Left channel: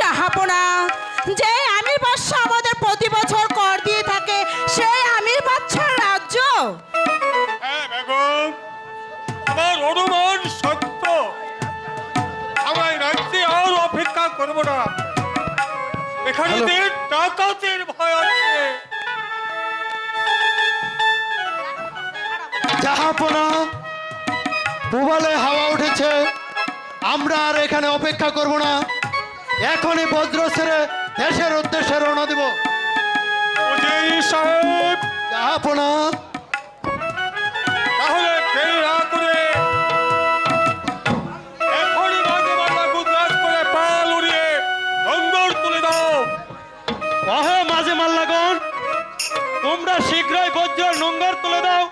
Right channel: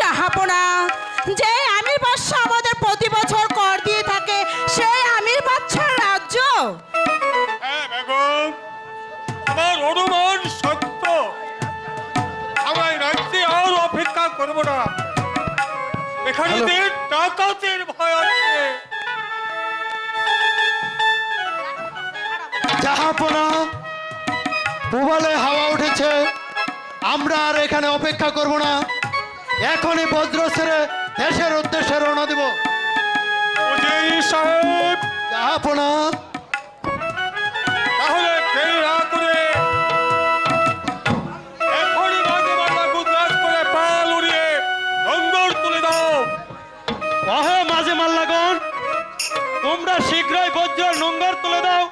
জাহাপনা যে আমির বাদশা আমাদের প্রতি বছর কর দিয়ে থাকে সেই আমির বাদশার রাজ্য। হ্যাঁ বেগম, আমার অনুমান সত্য। আমার রাজ্যে আর অপেক্ষা করবো না। এখানে ডাকাতের ভয় আছে। জাহাপনা, পুবালে হাওয়া উঠেছে, আমরা আর এখানে অপেক্ষা করব না। এখনই বজ্র ছেড়ে দেশের উদ্দেশ্যে রওনা দিব। সাহেব, জাহাপনা, তাহলে দেরি না করে এখনই মাঝে গুজরাট করে পাল উড়িয়ে লঙ্গর তুলে দাও। ওহে মাঝে মাল্লাগণ, তোমরা শীঘ্রই বজ্র লঙ্গর তুলে দাও,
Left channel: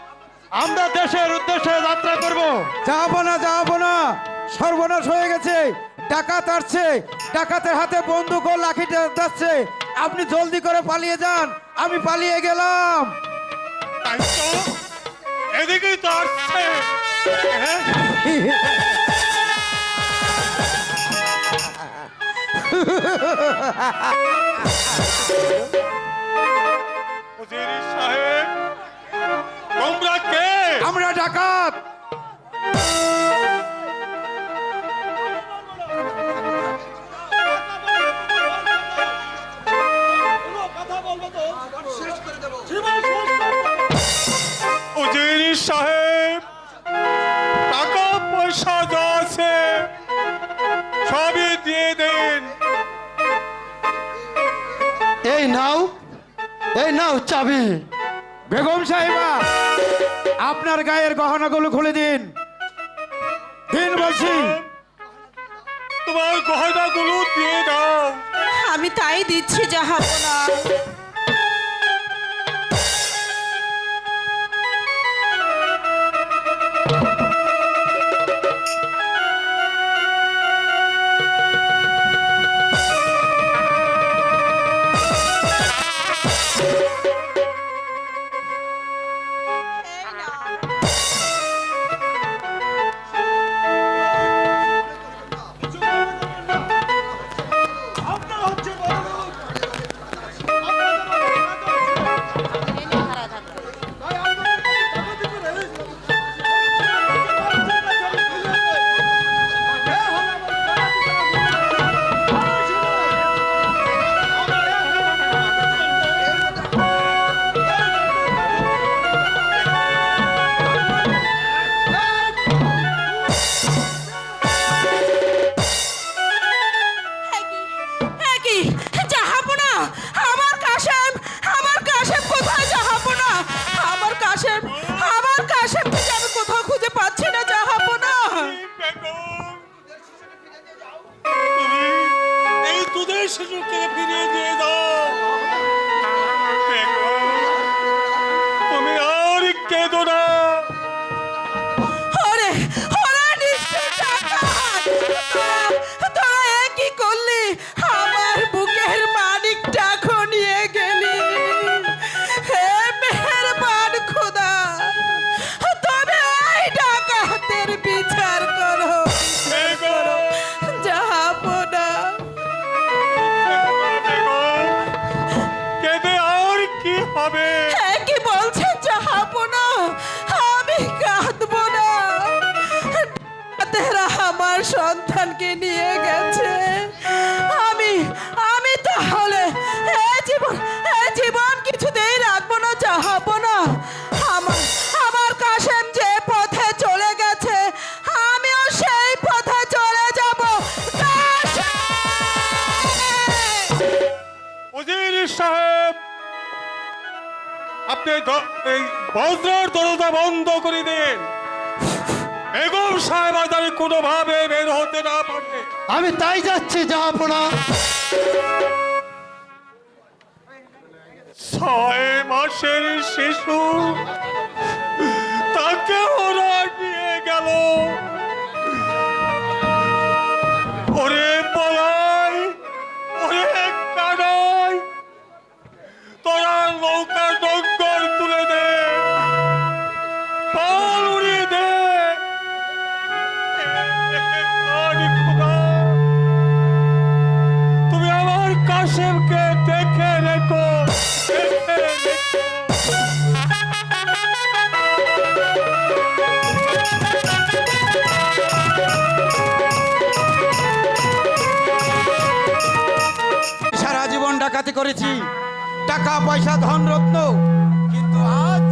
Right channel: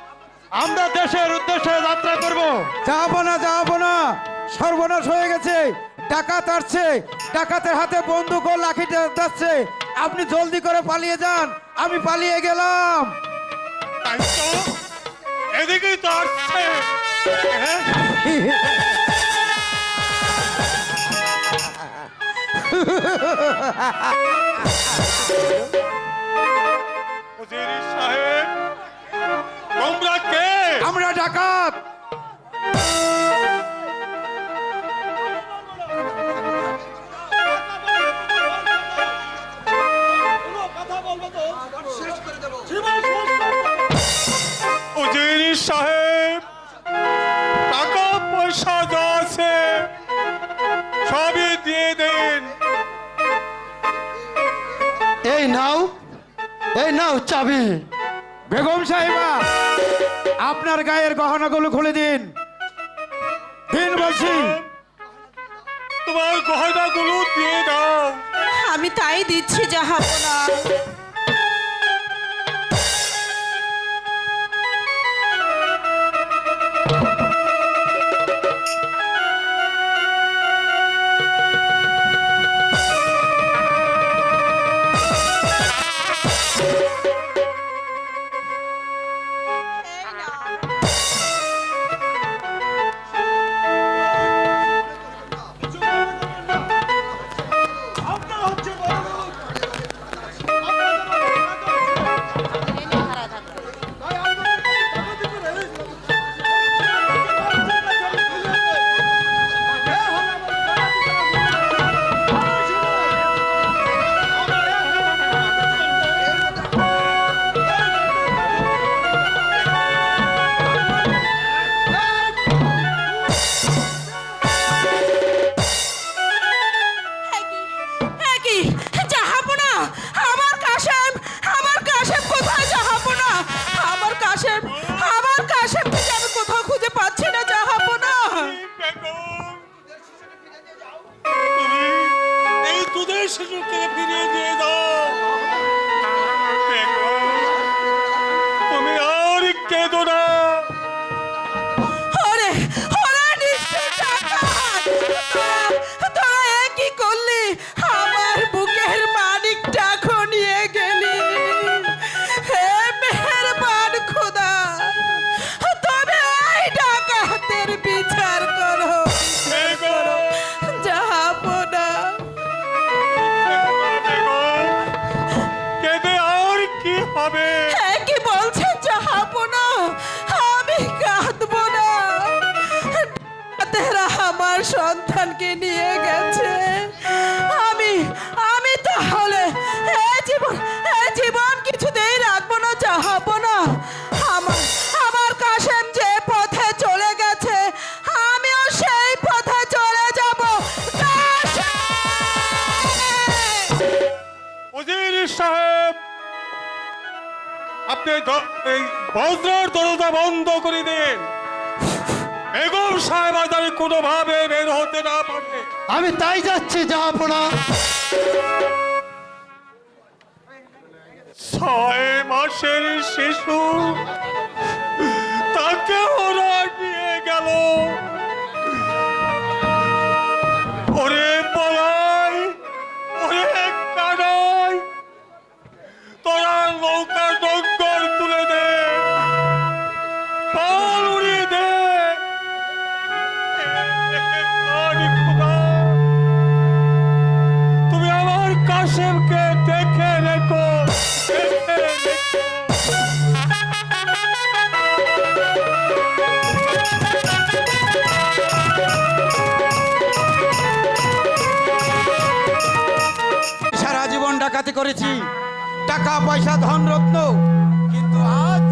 আমরা দেশের উদ্দেশ্যে যাত্রা করব। যাবনা যাবনা, সর্বনাশ হয়ে গেছে, ডাকাত আসছে, ডাকাতের হাতে বন্দুক ও লাঠি যাচ্ছে, আপনি জলদি করে পালিয়ে যান। আমি পালিয়ে গেলাম। তাই তো, এদিকেই তো আসছে। সাহেব, তোমরা কে? আমরা ডাকাত। সাহেব, টাকা পয়সা যা আছে সবই দিয়ে দেন। এই নাও চাবি। বেগম সাহেবা, আপনার গায়ের গহনাগুলো খুলে দিন। দিন বলছি। তোমার গহনাগুলো দিয়ে দাও। আমি তাই দিচ্ছি জাহাপনা। এই শিশুকে ফিরিয়ে দিয়ে দাও। দেখো, তুমি আর কেঁদো না। ওরে ওরে নিশ্চয় ডাকাত! তোরা এ কি করলি? আমার বুকের মানিকটা খনিয়ে গেলি। হে মেহেরবান খোদা, তবে এই ডাকাতের বিচার করো। দেখো, জাহাপনা, দেখো, কেঁদে আর কি হবে? কি বলছেন জাহাপনা? আমি কাঁদবো না। তারা আমার সন্তানকে নিয়ে গেছে। আমি আমি তাহলে এ জীবন কিছুতেই রাখবো না জাহাপনা। আমার কাশেম যে পথে চলে গেছে, আমিও সেই পথে চলে যাব। উজির সাহেব, আপনি এই বজ্রের দরজা বন্ধ করে দিন। বেগম সাহেব আজ কোনোভাবে বের হতে না পারবে। আমি তাই যাচ্ছি জাহাপনা। 6 মাসের শিশু, তাকে ওরা নিয়ে গেল। ওরে বলাই, ওরে কানাই, তোরা নৌকা ডঙ্গর তুলে দে, পাল উড়িয়ে দে। আরে খোদা, তুমি আমার কাশেমকে দেখে রেখো, দেখে রেখো। সারা জীবন ডাকাতি করেছি, টাকা পয়সা ধন রত্ন, কিন্তু আজ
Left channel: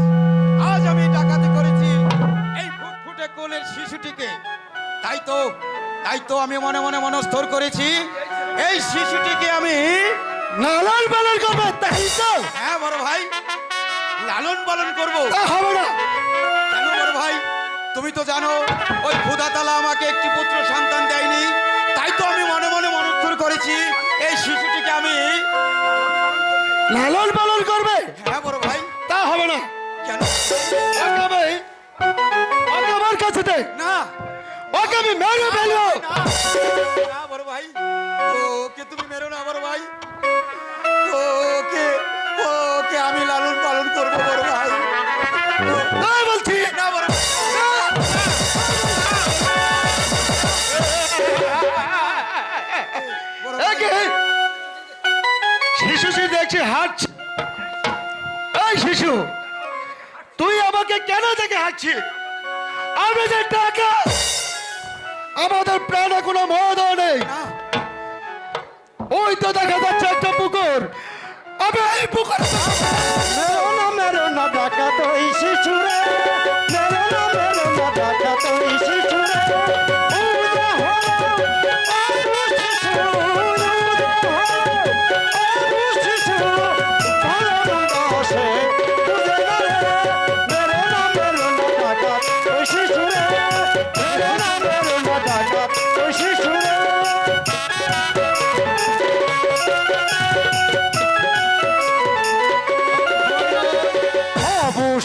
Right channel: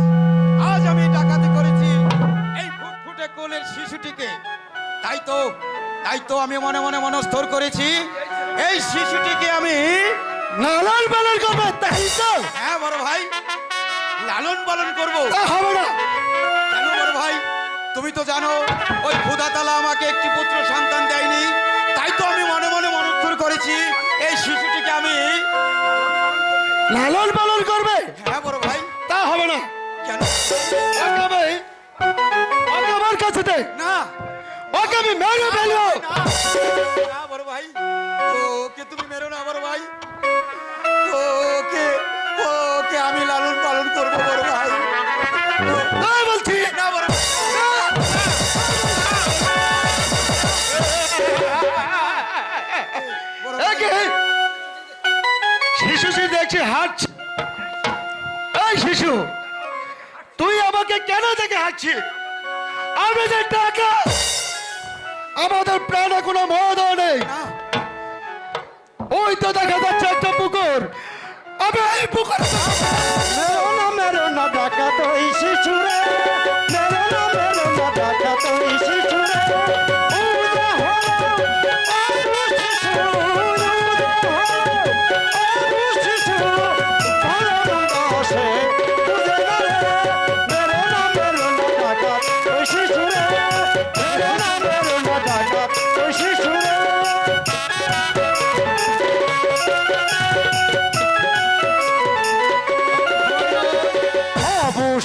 আজ আমি ডাকাতি করেছি এই ফুটফুটে কোলের শিশুটিকে। তাই তো আমি মনে মনে মনস্থির করেছি, এই শিশুটিকে আমি লালন পালন করবে, তাই তো? হ্যাঁ বড় ভাই, লালন পালন করব। তা হবে না। কেন বড় ভাই? তুমি তো জানো ওই খোদা তাআলা আমাকে একটি পুত্র সন্তান দেয়নি। তাই তো আমি মনে মনে মনস্থির করেছি এই শিশুটিকে আমি লালন পালন করবে, হ্যাঁ বড় ভাই। তা হবে না। কেন? ওকে ভাই, ওকে আমার কাছে দে। না ওকে আমি মেরে ফেলবো। না বড় ভাই, ওকে তুমি মেরো না বড় ভাই। ওকে ওকে আমি লালন পালন করবো বড় ভাই। তাই বলছি। না বড় বড় ভাই। একে শিশু দেখছি হাঁটছে। এই শিশু, তুই আমাকে কেন দেখে হাঁটছিস? আমি যে টাকা, আমাদের প্রাণে কোনো মহৎ নেই। না, ওই তো দেখা যাচ্ছে একটা পুকুর। আমি এই পুকুর মেরো না ডাকা তো এই শিশু রে, মেরো না ডাকা তো এই শিশু রে।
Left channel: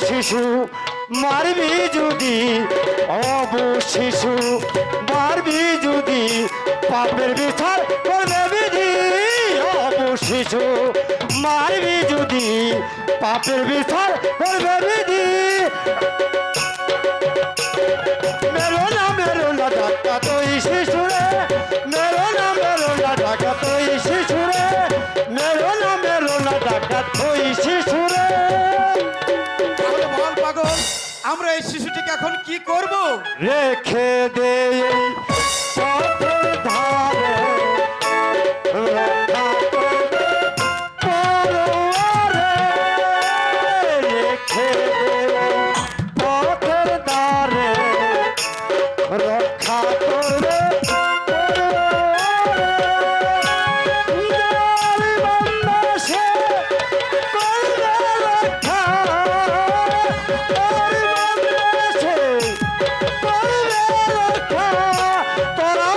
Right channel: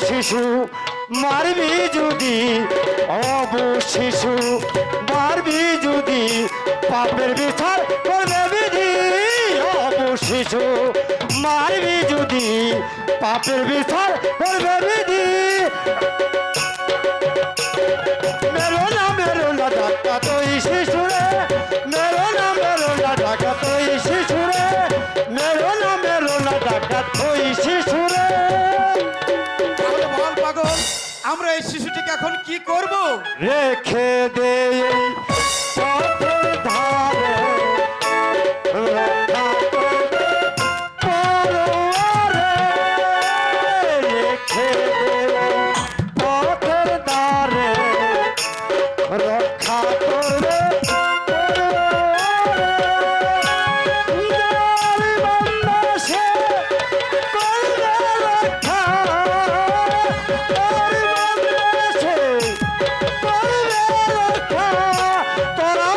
শিশু মারবি যদি, অবু শিশু মারবি যদি, পাপের বিচার করবে বিধি। অবু শিশু মারবি যদি, পাপের বিচার করবে বিধি। মেরো না ডাকা তুই শিশুরে, মেরো না ডাকা তুই শিশুরে, মেরো না ডাকা তুই শিশুরে। তাহলে বল পাগল, আমরা এই শিশুটিকে এখন কি করব? রেখে দে এই পথের ধারে, রক্ষা করবে পরোয়ারে। রেখে দে এই পথের ধারে, রক্ষা করবে পরোয়ারে। জালি বান্দা সে করবে রক্ষা, তোরা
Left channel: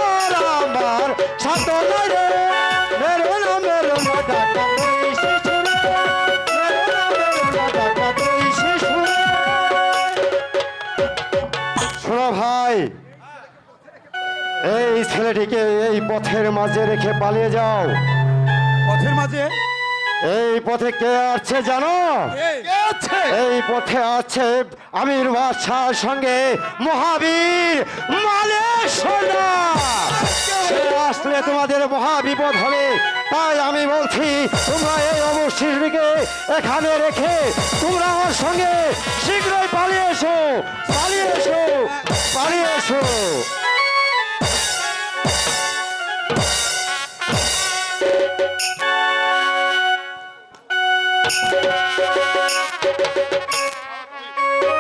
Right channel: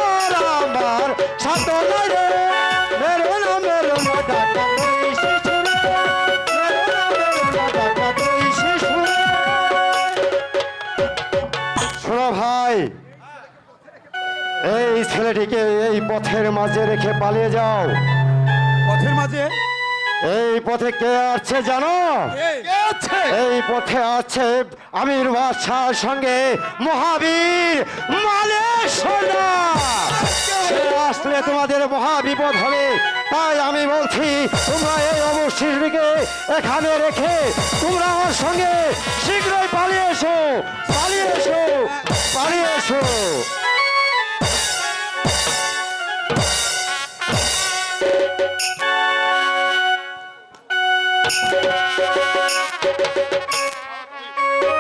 আমার সাধনা রে। মেরো না ডাকাত ওই শিশুরে, মেরো না ডাকাত ওই শিশুরে। শোনো ভাই, এই ছেলেটিকে এই পথের মাঝে রেখে পালিয়ে যাও। পথের মাঝে এই পথে কে আছে জানো? এই পথে আছে আমির বাদশার সঙ্গে মহাবীর মালেশ্বরা। সে আসলে তোমাদের মহাবিপদ হবে। তাই আমি বলছি তোমরা এই অবশিষ্টকে এখানে রেখে তোমরা আমার সঙ্গে শীঘ্রই পালিয়ে এসো, পালিয়ে এসো, পালিয়ে এসো।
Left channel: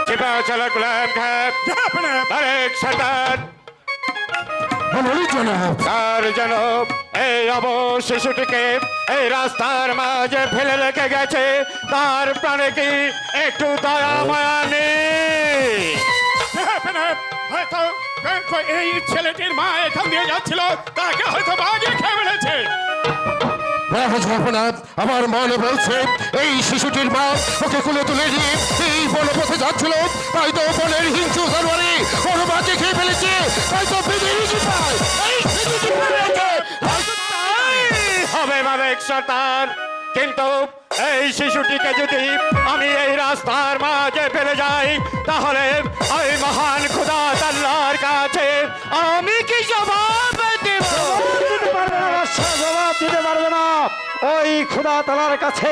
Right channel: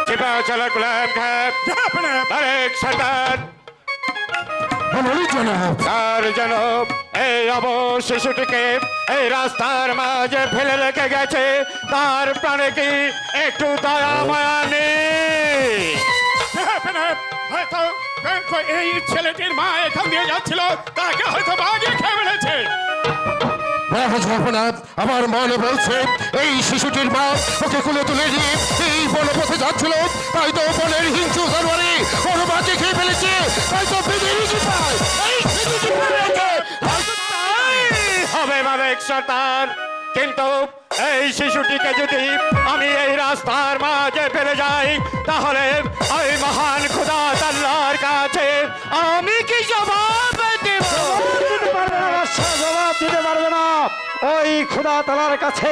চিপা চলো গুলাম খান, আরেক সর্দার তার যেন এই শিশুটিকে এই রাস্তার মাঝে ফেলে রেখে গেছে, তার প্রাণে কি একটু দয়া মায়া নেই? হয়তো এই ছেলেটির মা এখান দিয়ে যাচ্ছিল, তাকে হয়তো বাগিয়ে খেয়ে ফেলেছে। আমার মনে বলছে এই শিশুটির মা ওকে কোলে তুলে নিয়ে এই বনপথে যাচ্ছিল, তাই তো বনের হিংস্র জানোয়ারে ওর মাকে খেয়ে ফেলেছে, তাই তো বিদেশি পায় এই শিশুটি হবে মালিক সর্দার, কিন্তু এই শিশুটিকে যদি আমি এই রাস্তার মাঝে ফেলে যাই, তাহলে ওই মহান খোদা আল্লাহর কাছে আমি কি জবাব দেব? জবাব দিতে পারবে না। ওই খোদা তাআলার কাছে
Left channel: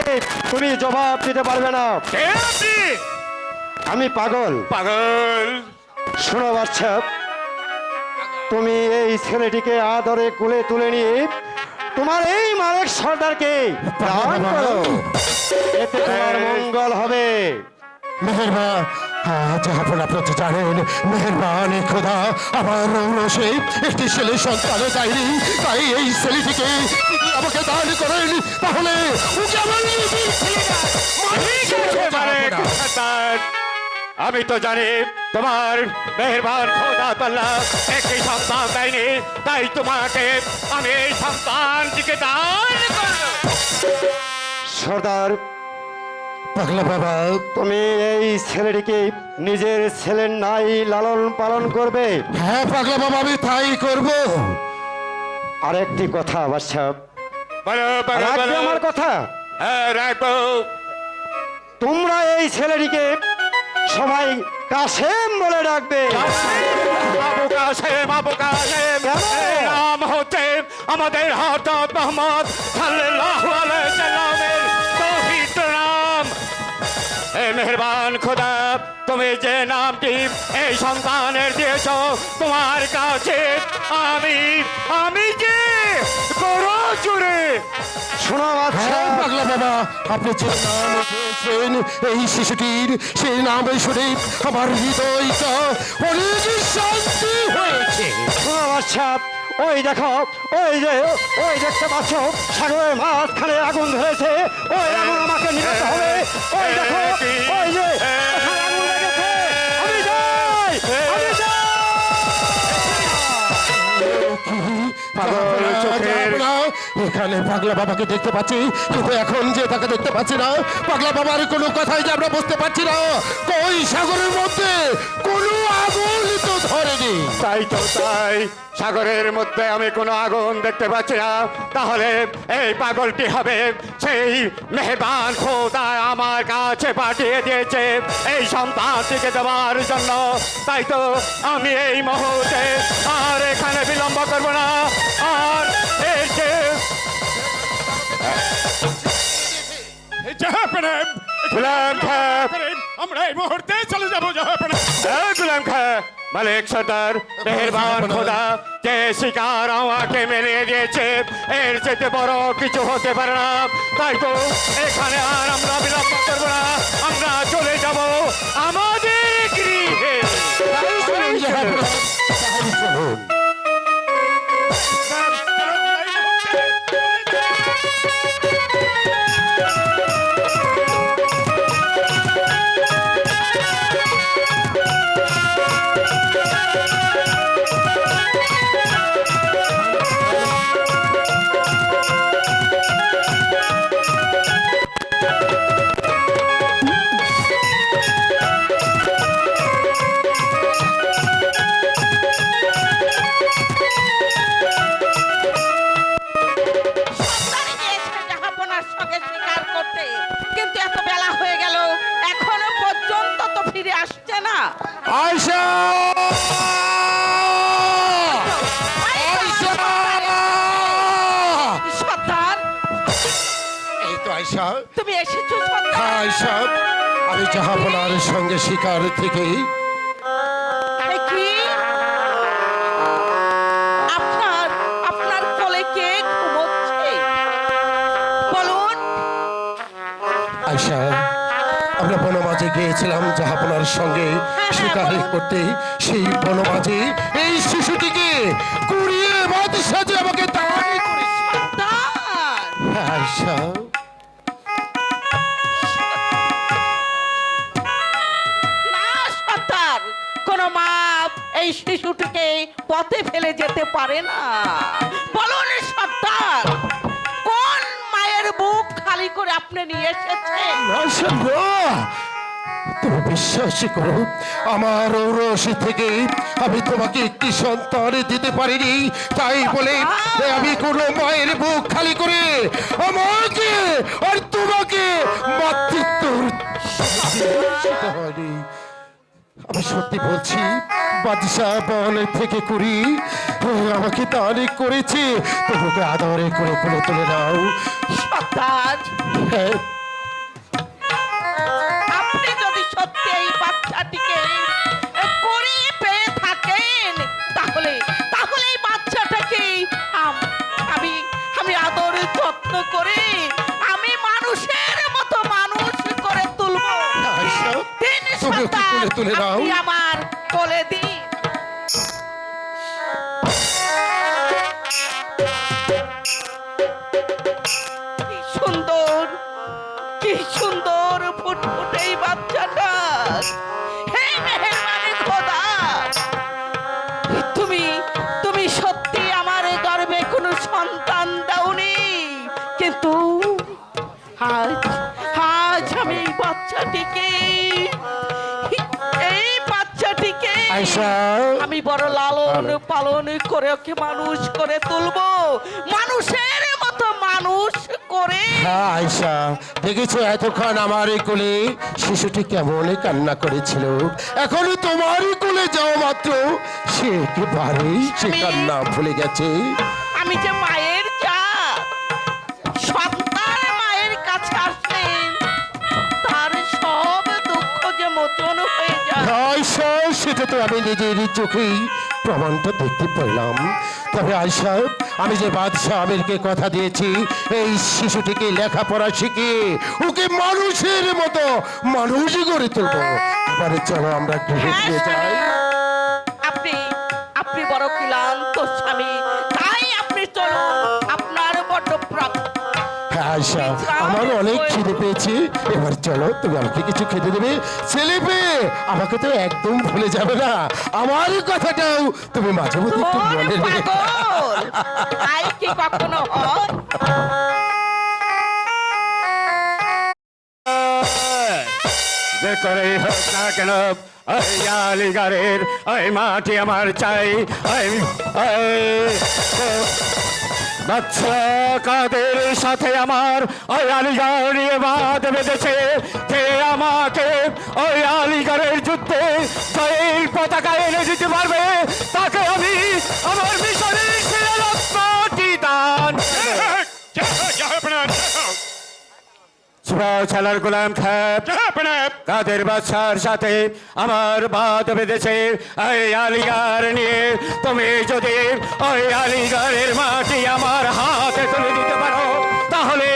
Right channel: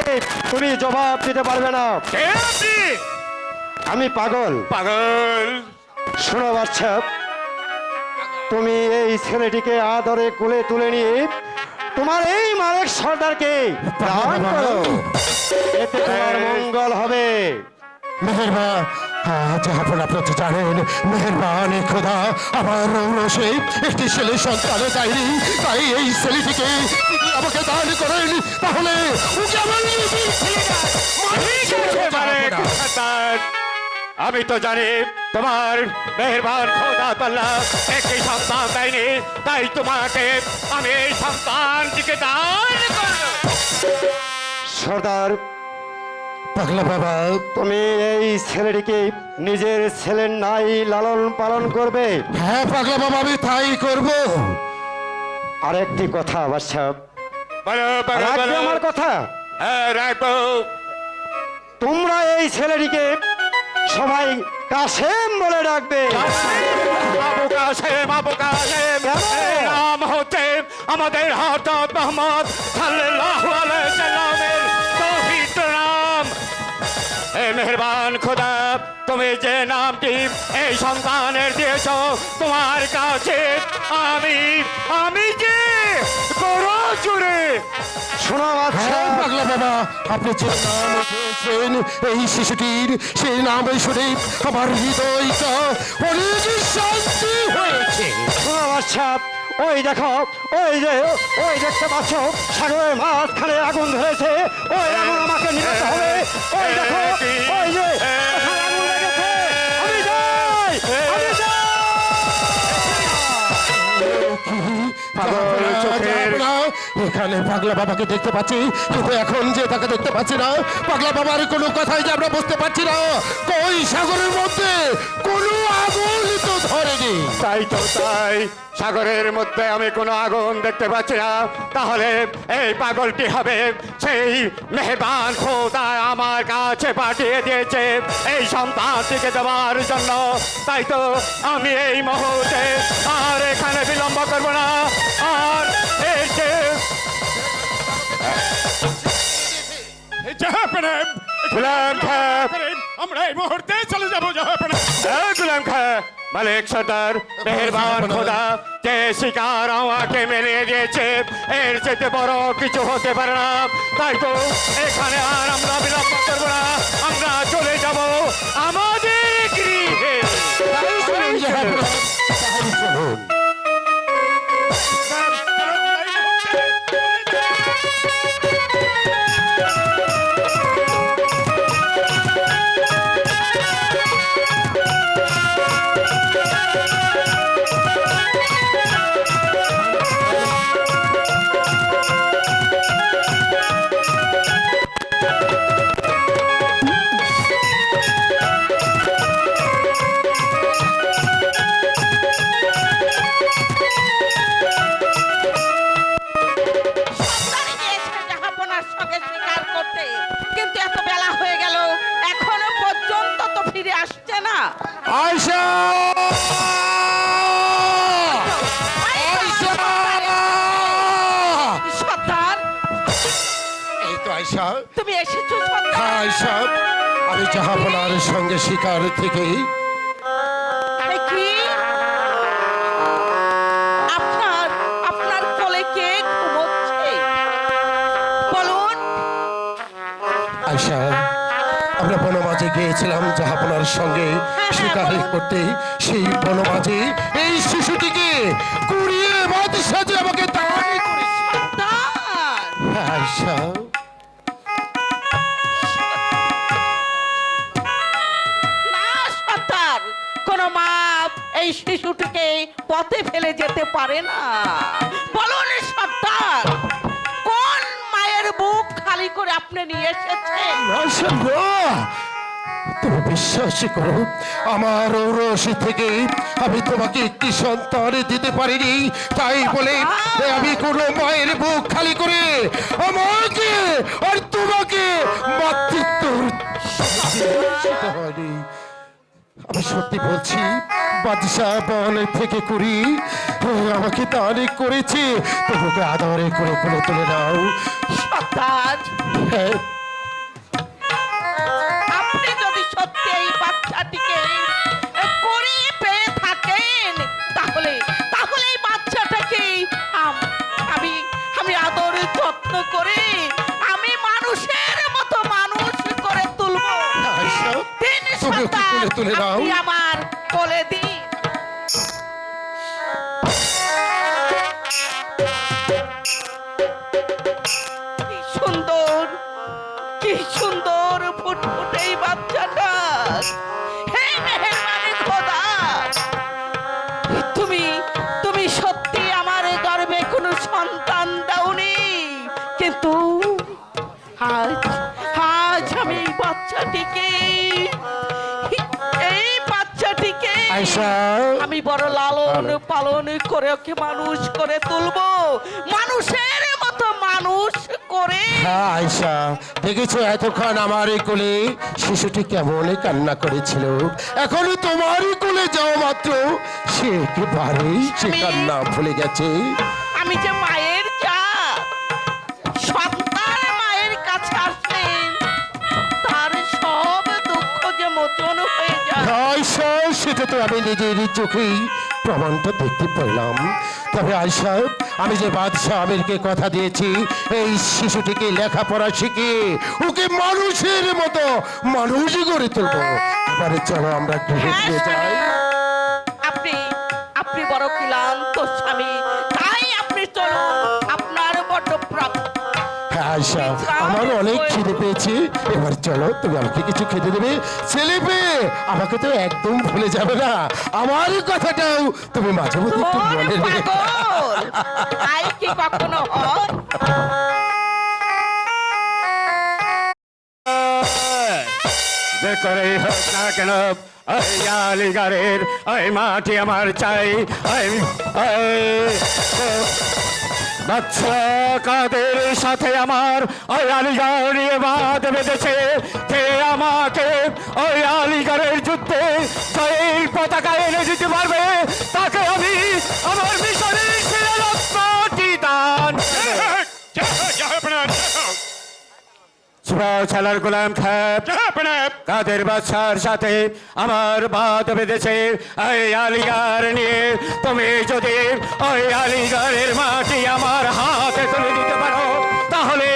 তুমি জবাব দিতে পারবে না। কে আপনি? আমি পাগল। পাগল? শোনো বাচ্চা, তুমি এই ছেলেটিকে আদরে কোলে তুলে নিয়ে তোমার এই মালিক সর্দারকে দান করো, এতে তোমার মঙ্গল হবে। মেহেরবান জাহাপন, আপনি তো জানেন মেহেরবান খোদা আমার রৌনসে একটি ছেলে সন্তান চাইনি, তাই এই ছেলেটিকে যদি আমাকে দান করেন তাহলে ওকে আমার নিজের ছেলেটা ঠিক আছে মালিক সর্দার, আমি তো জানি তোমার মেহেরবান খোদা তাআলা একটি সন্তান দেয়নি, তাই তোমাকে আমি এই সন্তানটিকে দান করব। সর্দার, পাগলা বাবা, তুমি এই ছেলেটিকে নিজের ছেলের নাই লালন পালন করবে। হ্যাঁ পাগলা বাবা, আমি তাই করব। আরেকটি কথা বাচ্চা, বলো বলো রাখবে বলো। আমার কথা। হ্যাঁ রাখবো। তোমরা এই ছেলেটিকে সবাই কাসেম বলে ডাকবে। আবু কাসেম, আবু কাসেম কেন? এই নাম হচ্ছে আমাদের হযরত মুহাম্মদ সাল্লাল্লাহু আলাইহি সাল্লামের পবিত্র নাম। হে মেহেরবান খোদা, তুমি যে নামটি এই সন্তানের দিয়েছ, তোমার কাছে আমি যে করো জুড়ে। শোনো বাচ্চা, হ্যাঁ পাগলা বাবা, আপনি যে নাম দিয়েছেন এই শিশুটির, সেই নামে শুনে আমার হৃদয়টা অনেক শান্তি হয়েছে। শোনো বাচ্চা, ওই দেখো, ওই দেখতে পাচ্ছ সাগরের মাঝখানে আগুন ধরেছে, ওই আগুন আমাকে নিভাতে হবে। ওই দেখো, ওই যে ওখানে আগুন লেগেছে। আমি যাই, আমি যাই। পাগল চোখের এখানে পাগলা বাবাকে দেখতে পাচ্ছি, কিন্তু এখন যে তাকে দেখতে পাচ্ছি না, পাগলা বাবার কোনো কথাই যে আমরা বুঝতে পারছি না। কই সাগরের মধ্যে কোনো আগুন তো ধরেনি। তাই সাগরের মধ্যে আমি কোনো আগুন দেখতে পাচ্ছি না, তাহলে এই পাগলটি হবে সেই মেহেরবান খোদা আমার কাছে পাঠিয়ে দিয়েছে এই সন্তানটিকে দেওয়ার জন্য। তাই তো আমি এই মুহূর্তে আর এখানে বিলম্ব করব না, আর এই যে জাহাপনা, গুলাম খাঁ, আমরা এই মুহূর্তে চলে যাবো জাহাপনা। গুলাম খাঁ, মালিক সর্দার মেহেরবান খোদা যে শিকার আমাকে মেরে দিয়েছে, এর চেয়ে বড় কিছু হতে পারে না। তাই তো এখানে আর আমরা বিলম্ব করব না, আমরা চলে যাব আমাদের গৃহে। চলুন। কিন্তু এত বেলা হয়ে গেল, এখনো পর্যন্ত তো ফিরে আসছে না। আয়শা আয়শা সর্দার, এই তো আয়শা। তুমি এসেছো সর্দার? হ্যাঁ আয়শা, আমি জাহাপনার সঙ্গে শিকার থেকে এ কি? আপনার আপনার কোলে কে ঘুমোচ্ছে? বলুন। আয়শা, আমরা বনমাঝে গিয়েছিলাম জাহাপনার সঙ্গে শিকার বলুন। করতে। সেই বনমাঝে এই শিশুটিকে কুড়িয়ে বাদ সাজে আমাকে দাঁড় করেছে। সর্দার, হ্যাঁ আয়শা, না সর্দার, কোন মা এই শিশুটিকে পথে ফেলে যেতে পারে না। বলুন সর্দার, কোন মায়ের বুক খালি করে আপনি নিয়ে এসেছেন? আয়শা গো, তুমি বিশ্বাস করো, আমার ঔরসি থেকে আমি তোমাকে একটি সন্তান দিতে পারিনি, তাই বলে আমি কোনো মায়ের বুক খালি করে আমাকে আর তোমাকে মাতৃত্বর দিতে হয়নি। আমি সত্যি বলছি, বাদশাহ বন থেকে করি আমাকে তারিখ করেছে, তোমাকে আদরে করে কোলে তুলে নাও। সর্দার, হ্যাঁ, আপনি যদি সত্যি এই বাচ্চাটিকে করিয়ে পেয়ে থাকেন, তাহলে তাহলে এই বাচ্চাটাকে আমি আমি আদর যত্ন করে আমি মানুষের মতো মানুষ করে তুলবো। আয়শা, দিন তুমি ওকে সর্দার, কোলে তুলে নাও। আপনি আমার কোলে দিন। কি সুন্দর, কি সুন্দর ফুটফুটে এই বাচ্চাটা। হে মেহেরবানি খোদা, তুমি তুমি সত্যি আমার গর্ভে কোনো সন্তান দাওনি, কিন্তু আজ আজ আমি এই বাচ্চাটিকে আয়শা, আমি বড় লালন পালন করে ওকে মানুষ করে তুলবো, মানুষের মতো মানুষ করে। হ্যাঁ আয়শা, দেখেছো এতক্ষণ আমার এই কোলে শিশুটি কেমন কান্না করেছিল, এখন তোমারই কোলে যাওয়া মাত্র সে একেবারেই সে কান্না ভুলে গেছে। আমি যে মায়ের জাত, সন্তান মায়ের কাছে আসলে তার সব দুঃখ যে মোচন হয়ে যায়। আয়শা, সেটা তো আমি নিজের চোখেই প্রমাণটা দেখতে পেলাম। তবে আয়শা, আমি যে বাদশাহ আমিরকে কথা দিয়েছি এই শিশুটিকে লেখাপড়া শিখিয়ে ওকে মানুষের মতো মানুষ গড়ে তুলবো। এবারে চলো আমরা গৃহে ফিরে যাই। আপনি আপনি বড় ক্লান্ত স্বামী, তাই আপনি চলুন, আপনার বড্ড প্রাপ্ত। হ্যাঁ আয়শা, আমার অনেক খিদে পেয়েছি, এবার চলো তুমি আমাকে কিছু খেতে দেবে। ছেলে পেয়ে আমাকে তো একদম ভুলে যাবে না, আমার কথাটাও তুমি মাঝে মধ্যে একটু তোর মনে রেখে। পাগল, তাই কি কখনো হয়? যে করেই হোক না কেন ওই আলিগড়ের ওই মাটি আমার চাই। বাচ্চা কাদের সাথে আমার ওই আলিগড় নিয়ে বাদ বেঁধেছে, যে আমাকে ওই আলিগড়ের যুদ্ধে জয়ের পতাকা এনে দিতে পারবে, তাকে আমি আমার মিশনের শিরোনামটি দান। ছালার গোলাম খাপ কাদের বাচ্চার সাথে আমার বাদ বেঁধেছে ওই আলিগড় নিয়ে। তুমি যদি ওই আলিগড়ের মাটি আমার হাতে তুলে দিতে পারো, তাহলে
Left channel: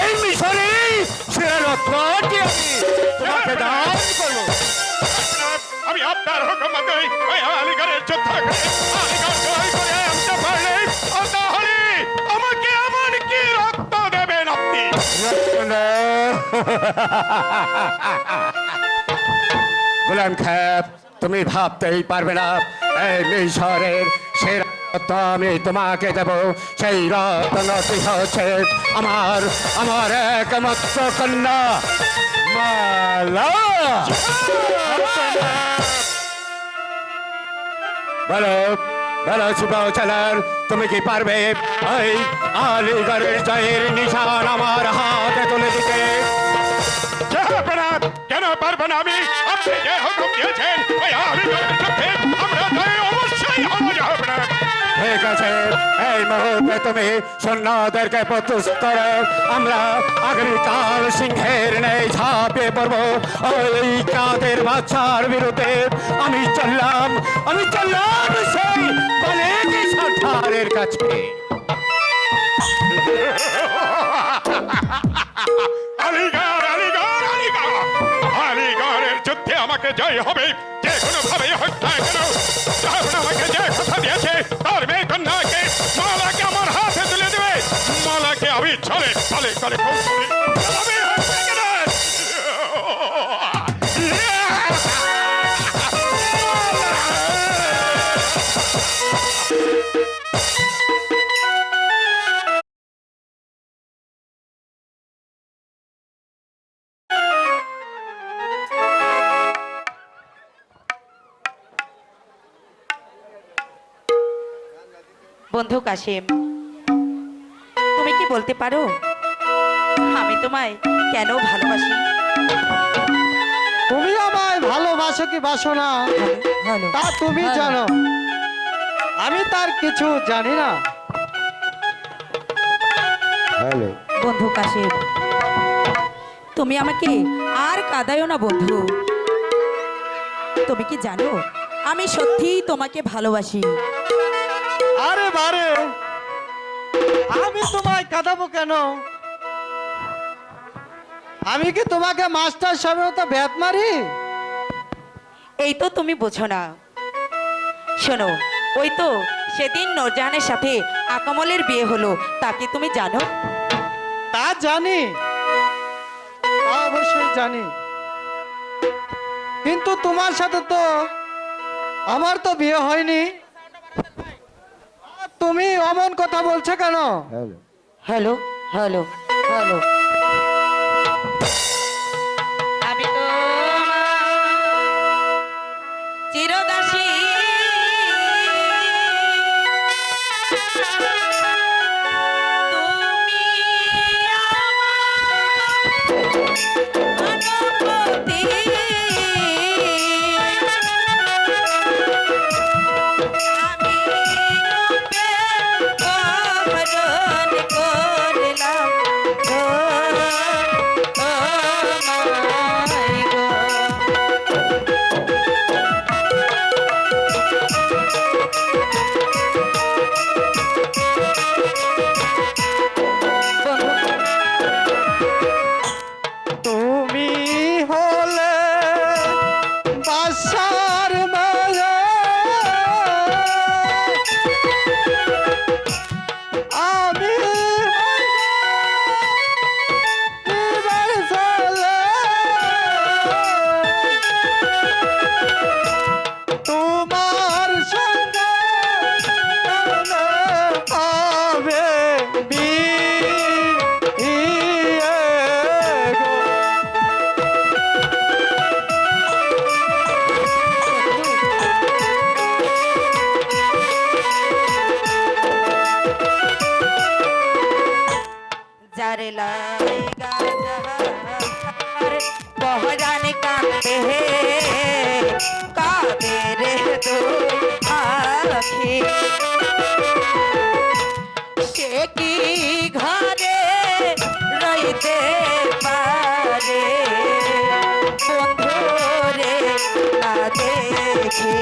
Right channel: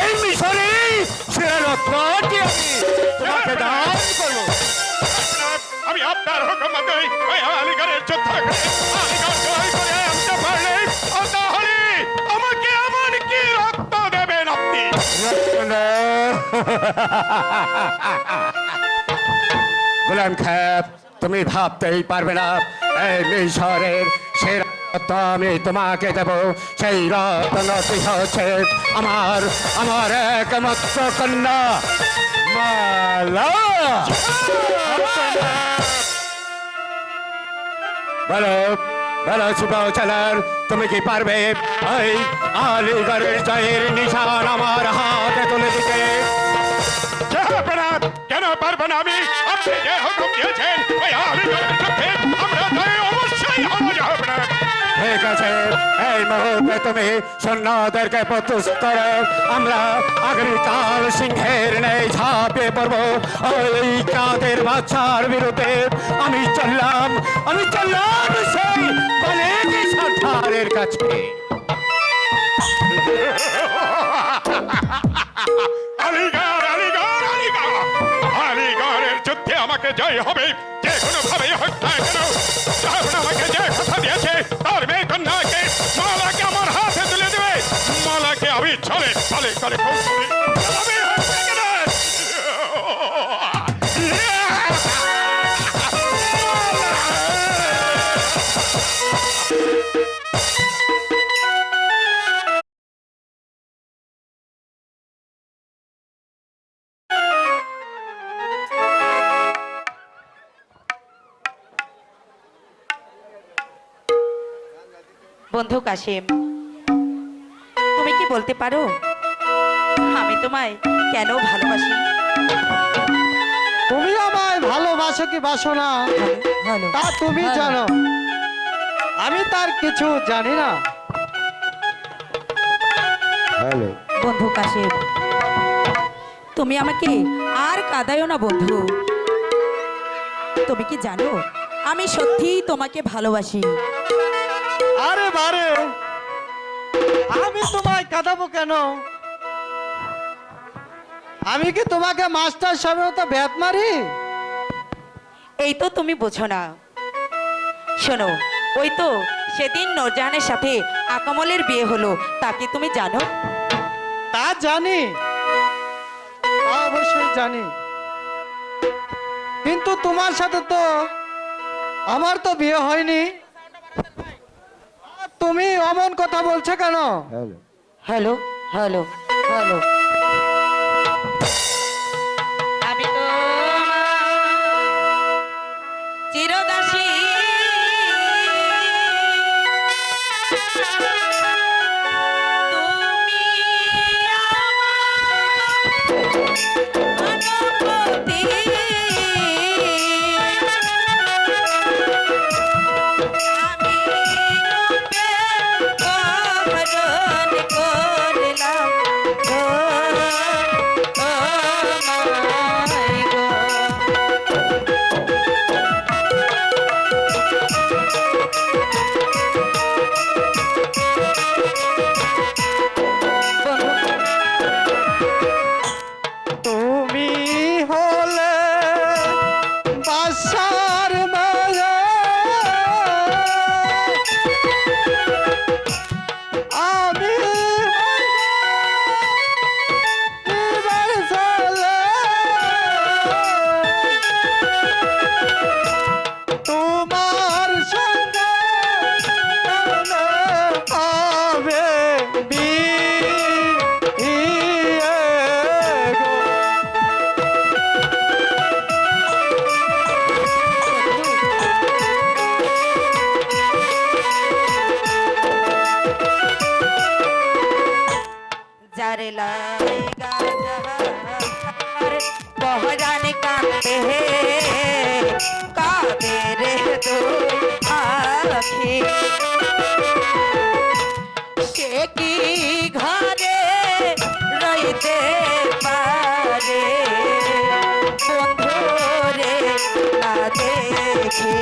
এই মিশনেই শিরোনামটি আমি তোমাকে দান করবো। আমি আপনার হুকুম মতে ওই আলিগড়ের যুদ্ধ করে আলিগড় জয় করে আনতে পারলে, তাহলে আমাকে এমন কি রক্ত দেবেন আপনি? গোলাম খাপ, তুমি ভাবতেই পারবে না এই মিশরের সেই রত্ন আমি তোমাকে দেব। সেই রত্নটি হচ্ছে আমার আমার একমাত্র কন্যা মালা। বলো বলো সুবাহ চালার, তুমি কি পারবে ওই আলিগড়ের জয়ের নিশান আমার হাতে তুলে দিতে? পারবো না আমি। আপনি যে হুকুম দিয়েছেন ওই আলীগড়ের যুদ্ধে আমরা জয়ী অবশ্যই হব না। ঠিক আছে, এই মুহূর্তে তুমি সৈন্যদেরকে প্রস্তুত করো। আমরা আগামীকাল সিংহের নেই ঝাঁপিয়ে পড়বো ওই চাঁদের বাচ্চার বিরুদ্ধে। আমি চললাম সেই বালেকি সর্দারের কাছে। আলীগড় আলীগড় আলীগড় আলীগড়ের যুদ্ধে আমাকে জয় হবে যে কোনো ভাবে হোক না কেন। যখন আমাকে যে কথা দিয়েছে তার মেয়ে কন্যাকে মালাকে আমার হাতে তুলে দেবে। মালাকে আমি চলে চলে করে কৌশলে আমি হোক না কেন। বন্ধু কাশিম, তুমি কি বলতে পারো আমি তোমায় কেন ভালোবাসি? তুমি আমায় ভালোবাসো কি বাসো না ভালো তা তুমি জানো, আমি তার কিছু জানি না। বন্ধু কাশিম, তুমি আমাকে আর কাঁদায়ো না বন্ধু। তুমি কি জানো আমি সত্যিই তোমাকে ভালোবাসি। আরে বারে, আমি তোমায় কাঁদাবো কেন? আমি কি তোমাকে মাস্টার সাহেবের মতো ব্যাট মারি? এই তো তুমি বোঝো না। শোনো, ওই তো সেদিন নূরজাহানের সাথে আকামলের বিয়ে হলো, তাকে তুমি জানো? তা জানি, তা অবশ্যই জানি, কিন্তু তোমার সাথে তো আমার তো বিয়ে হয়নি। আর তুমি অমন কথা বলছো কেন? হ্যালো হ্যালো হ্যালো, আমি তো চিরদাসী, তুমি আমার অনুপতি। আমি রূপে অমরণ করলাম গো, ও মাই গো। তুমি হলে বাসার মেয়ে, আমি এবার চলে তোমার সঙ্গে হবে বিয়ে গো। যারে লাইগা যাহার বহরান কাঁদে কাঁদে রে দুই আখি, সে কি ঘরে রইতে পারে বন্ধু রে না দেখি।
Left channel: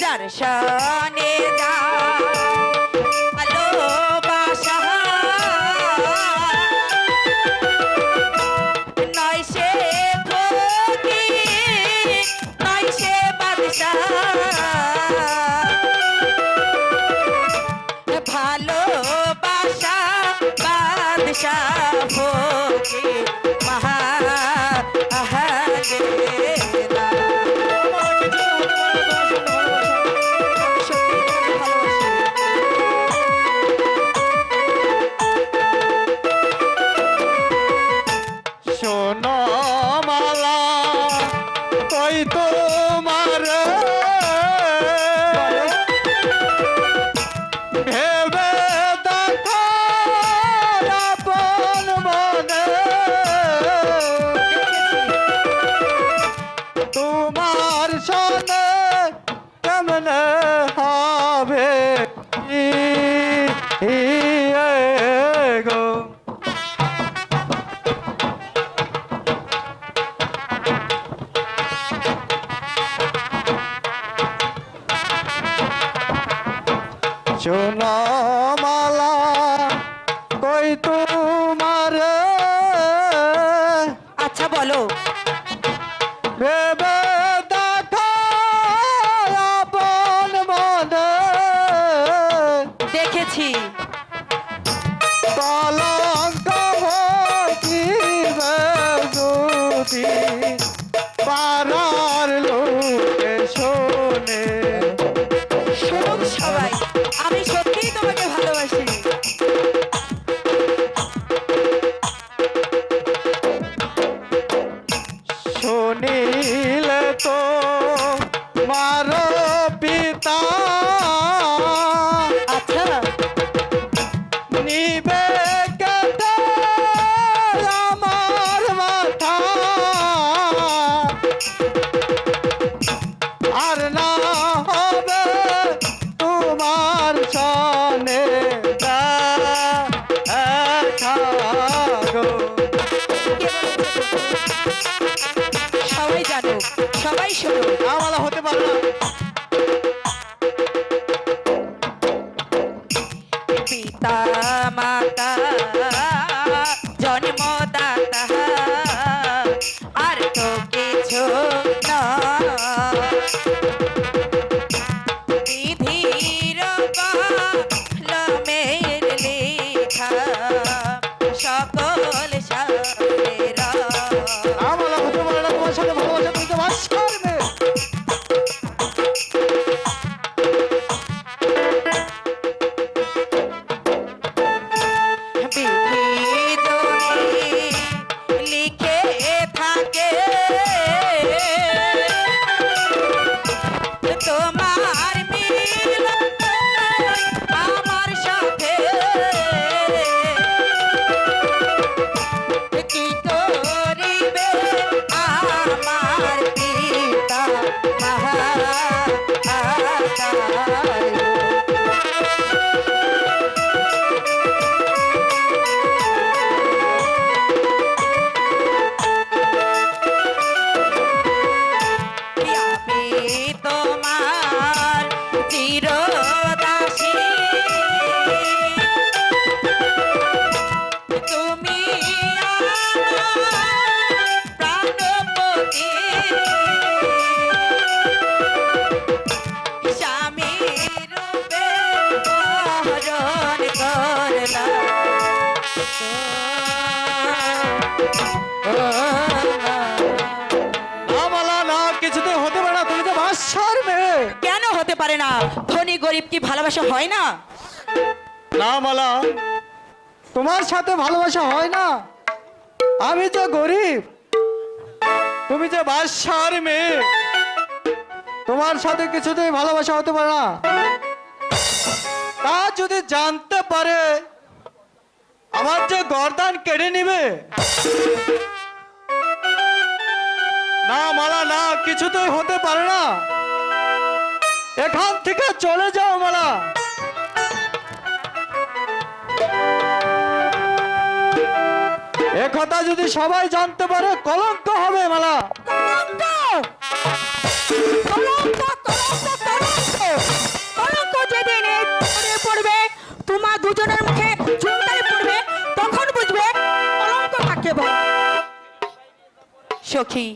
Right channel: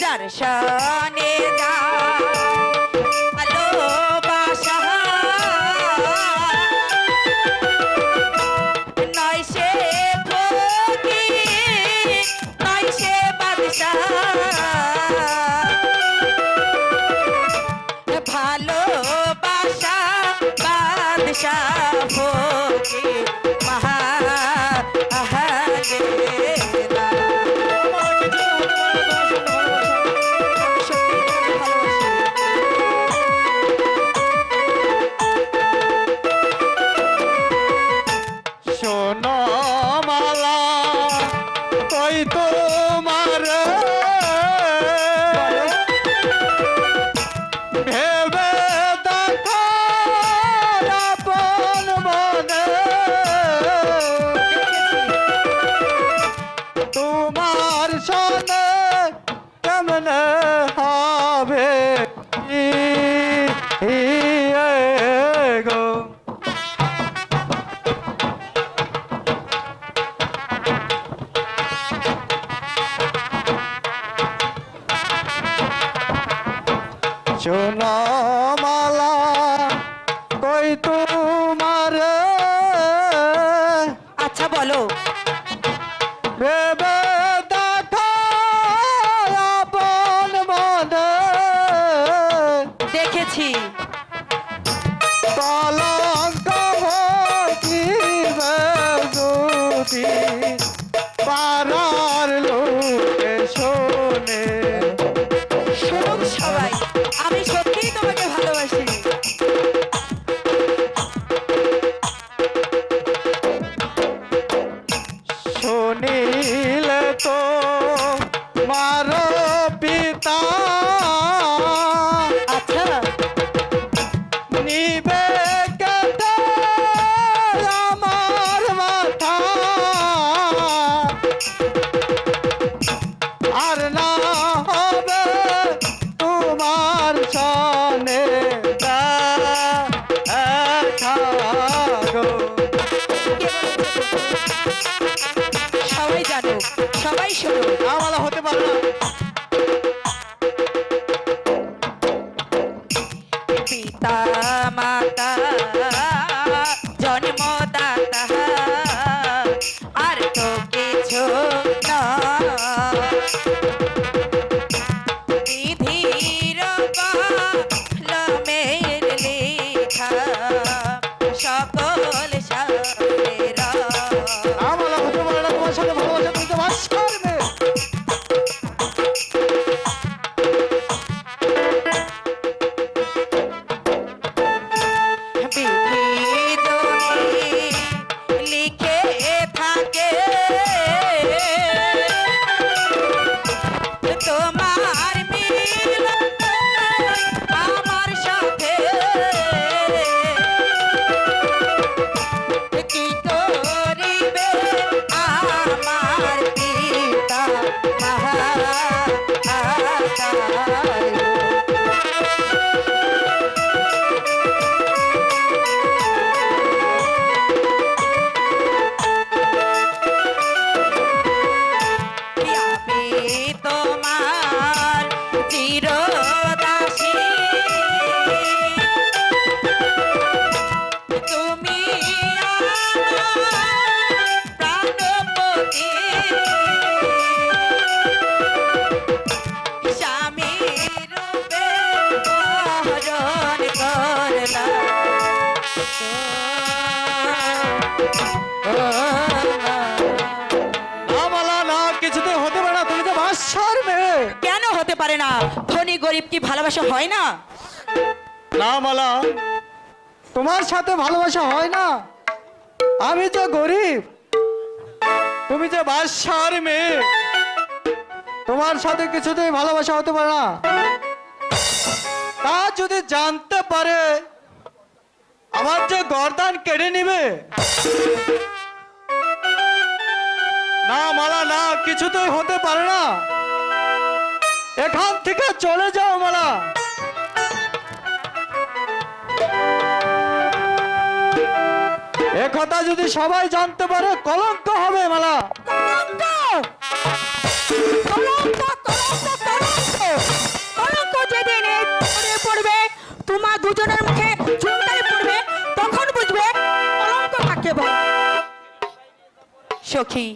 যার সনে ভালোবাসা নয় সে ফকির, নয় সে বাদশাহ। ভালোবাসা বাদশাহ ফকির মহা আহারেলা। শোনো মালা কই তোমার ভেবে দেখো আপন মনে দেখেছি। কলঙ্ক ভোগিবে যদি পারার লোকে শোনে। শুনুক সবাই, আমি সত্যিই তোমাকে ভালোবাসি। শুনিলে তো মার পিতা আচ্ছা, নিবে কেটে আমার মাথা, আর না হবে তোমার সনে সবাই জানো, সবাই শোনো। আমার হতে পারে না। পিতা মাতা জন্মদাতা আর তো কিছু না, বিধির কলমের লেখা সকল সারেরা। আমার হতে পারে না তোমার সাথে ভালোবাসা, তুমি তো বাস করবে। বিধি যদি লিখে থাকে তোমার মিল আমার সাথে, কি করিবে আমার পিতা আমি তোমার চিরদাসী, তুমি আমার প্রাণপতি, স্বামী রূপে বরণ করলা। আমলা না কিছুতে হতে পারে না, তুমি তো বাস ছাড়বে। কেন হতে পারে না? ধনী গরিব কি ভালোবাসা হয় না? না মালা, তোমার সাথে ভালোবাসা হয় না। আমি তো গরিব, তুমি যে বাদশার মেয়ে, তোমার সাথে কিছুতেই ভালোবাসা হতে পারে না। তা যদি জানতে পারে আমার যে গর্দান কেড়ে নিবে, না মালা না কিছুতেই হতে পারে না। এখান থেকে চলে যাও মালা। একথা যদি সবাই জানতে পারে কলঙ্ক হবে মালা। কলঙ্ক যেদিন এই ঘরে পড়বে, তোমার দুজনের মুখে চুনকালি পড়বে, তখন বুঝবে কলঙ্ক কাকে বলে। সখী,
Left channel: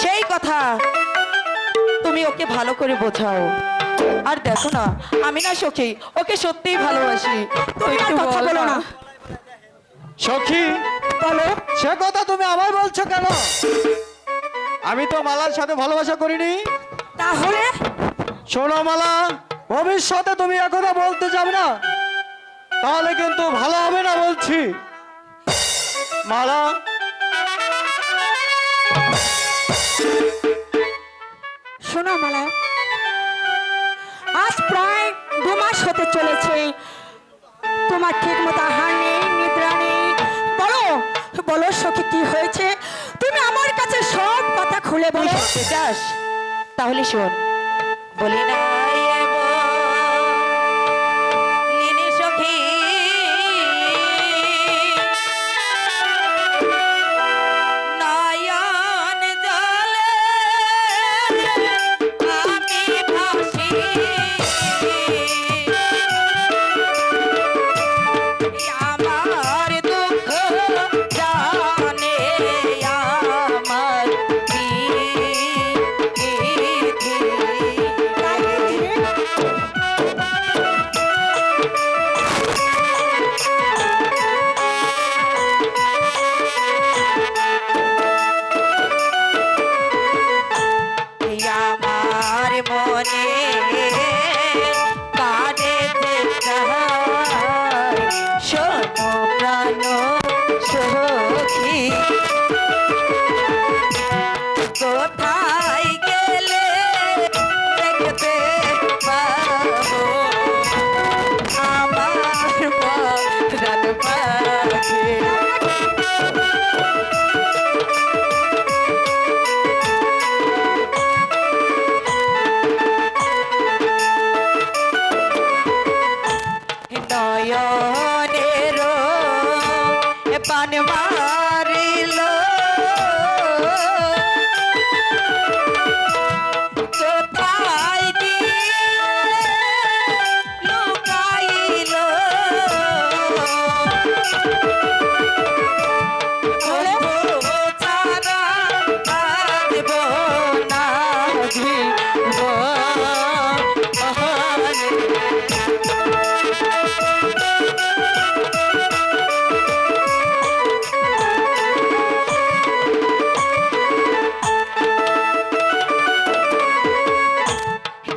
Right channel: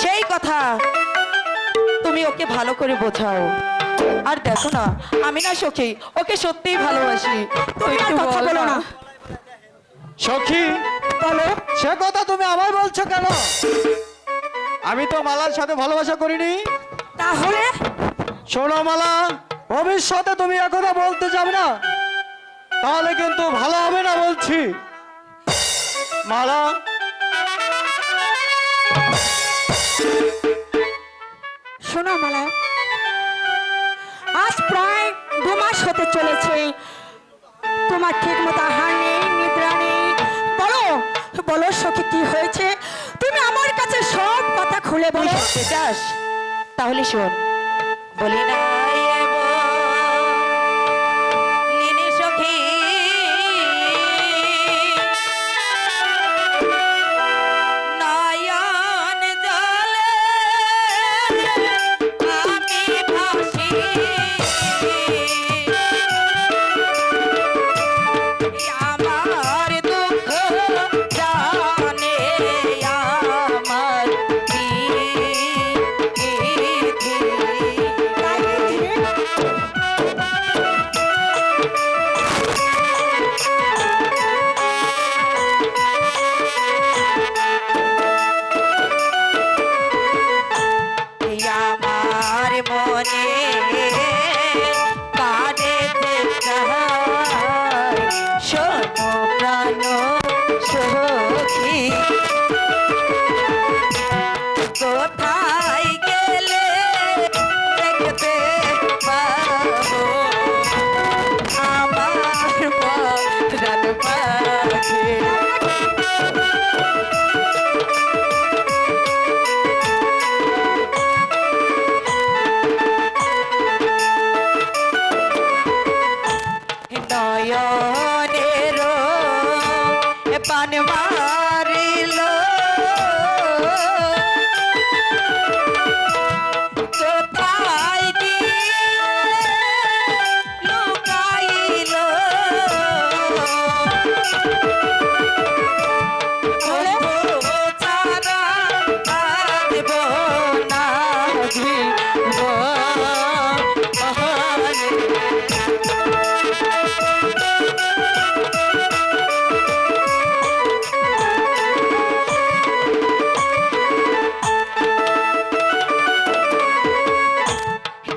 সেই কথা তুমি ওকে ভালো করে বোঝাও। আর দেখো না, আমি না সখী ওকে সত্যিই ভালোবাসি। তুমি আর কথা বলো না। সখী বলো। সে কথা তুমি আমায় বলছো কেন? আমি তো মালার সাথে ভালোবাসা করিনি। তাহলে শোনো মালা, ভবিষ্যতে তুমি একথা বলতে যাবে না, তাহলে কিন্তু ভালো হবে না বলছি। মালা, শোনো মালা, আজ প্রায় 2 মাস হতে চলেছে তোমার ঠিক মতো আহার নেই, নিদ্রা নেই। বলো বলো সখী, কি হয়েছে? তুমি আমার কাছে সব কথা খুলে বলো। চাস তাহলে শোন। বলি না সখী, নয়ন জলে আমি ভাসি, আমার দুঃখ জানে নয়নে কারে শোনো প্রাণ সখী কোথায় গেলে দেখতে পাবো আমার প্রাণ পাখি নয়নের পান মারিল কোথায় গিয়ে লুকাইল ছাড়া আসব না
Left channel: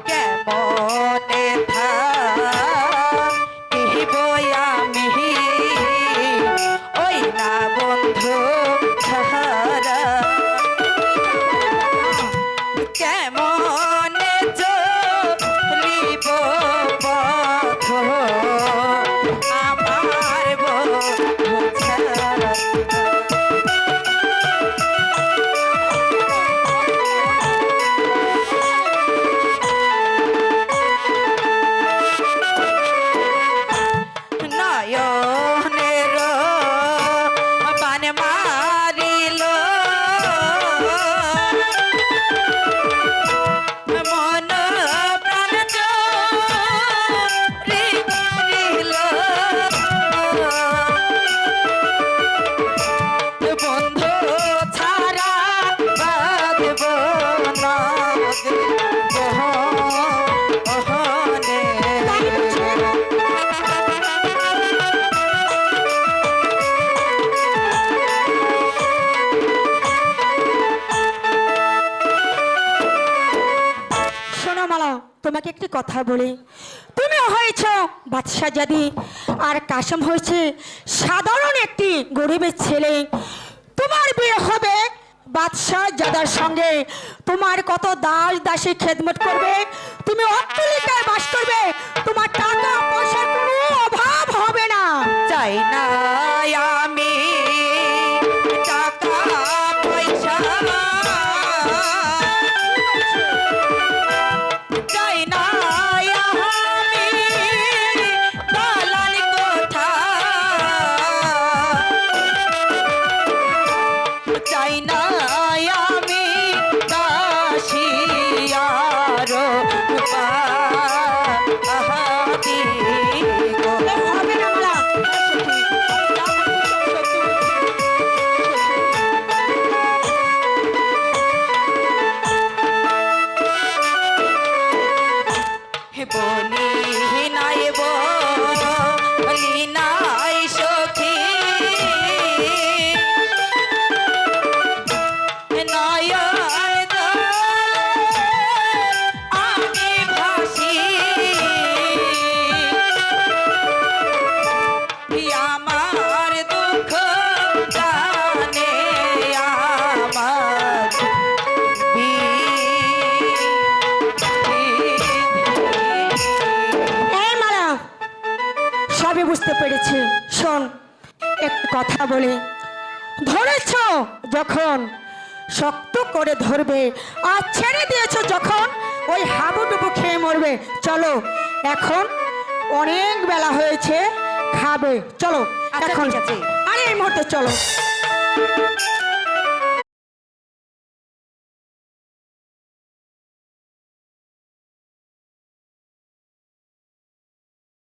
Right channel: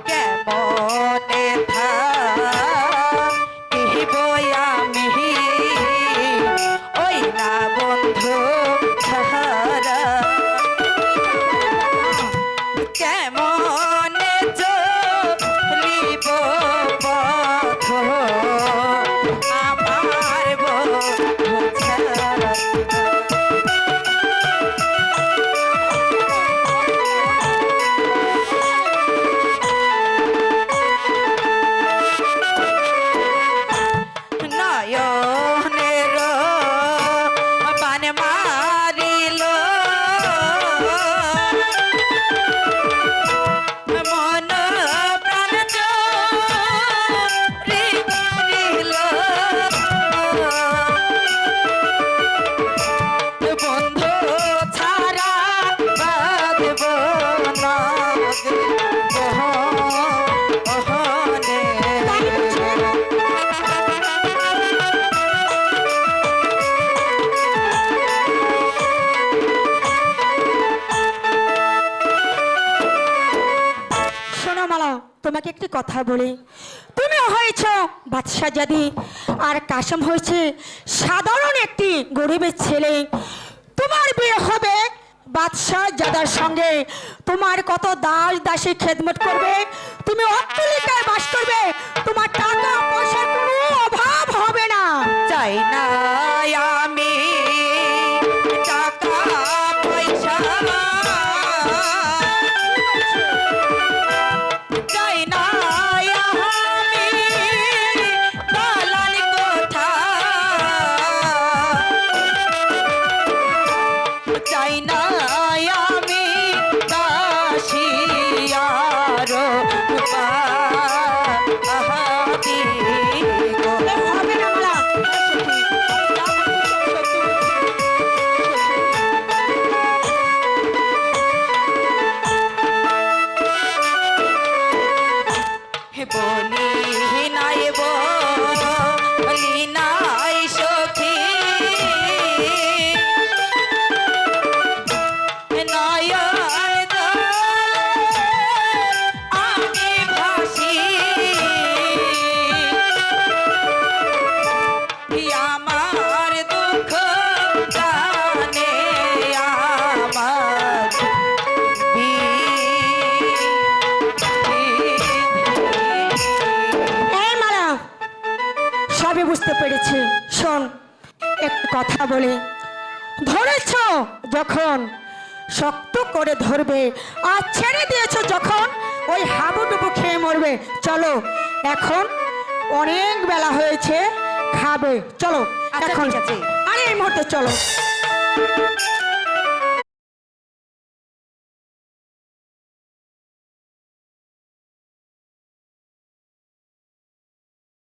কেমনে থাকিব আমি ওই না বন্ধু ছাড়া কেমনে চলিব পথ আমার বন্ধু ছাড়া নয়নের পান মারিল মন প্রাণ চরিল বন্ধু ছাড়া বাঁধব না শোনো মালা, তোমাকে একটি কথা বলি। তুমি হয়েছ বাদশা জাদি আর কাসম হয়েছে সাধারণ একটি গরিবের ছেলে। তোমার বিয়ে হবে বাদশাহ জাদার সঙ্গে। তোমার কত দাস দাসী খেদমত করবে, তুমি অট্টালিকায় বাস করবে, তোমার টাকা পয়সার কোনো অভাব হবে না। চাই না আমি টাকা পয়সা, চাই না আমি দালান কোঠা, চাই না আমি দাসী আর পাহাড়ি হবে না মালা। বনি নাই বলি নাই সখী নয়ন আমি ভাসি আমার দুঃখ জানে আমার সবই বুঝতে পেরেছি। শোন, একটু কথা বলি। ধরেছ যখন শক্ত করে ধরবে, আর ছেড়ে দিয়েছ যখন ওই হাবুডুবু খেয়ে মরবে। চলো, এখন অনেক বেলা হয়েছে, খাবে। চলো এখন, আরে এই মুহূর্তে চলো।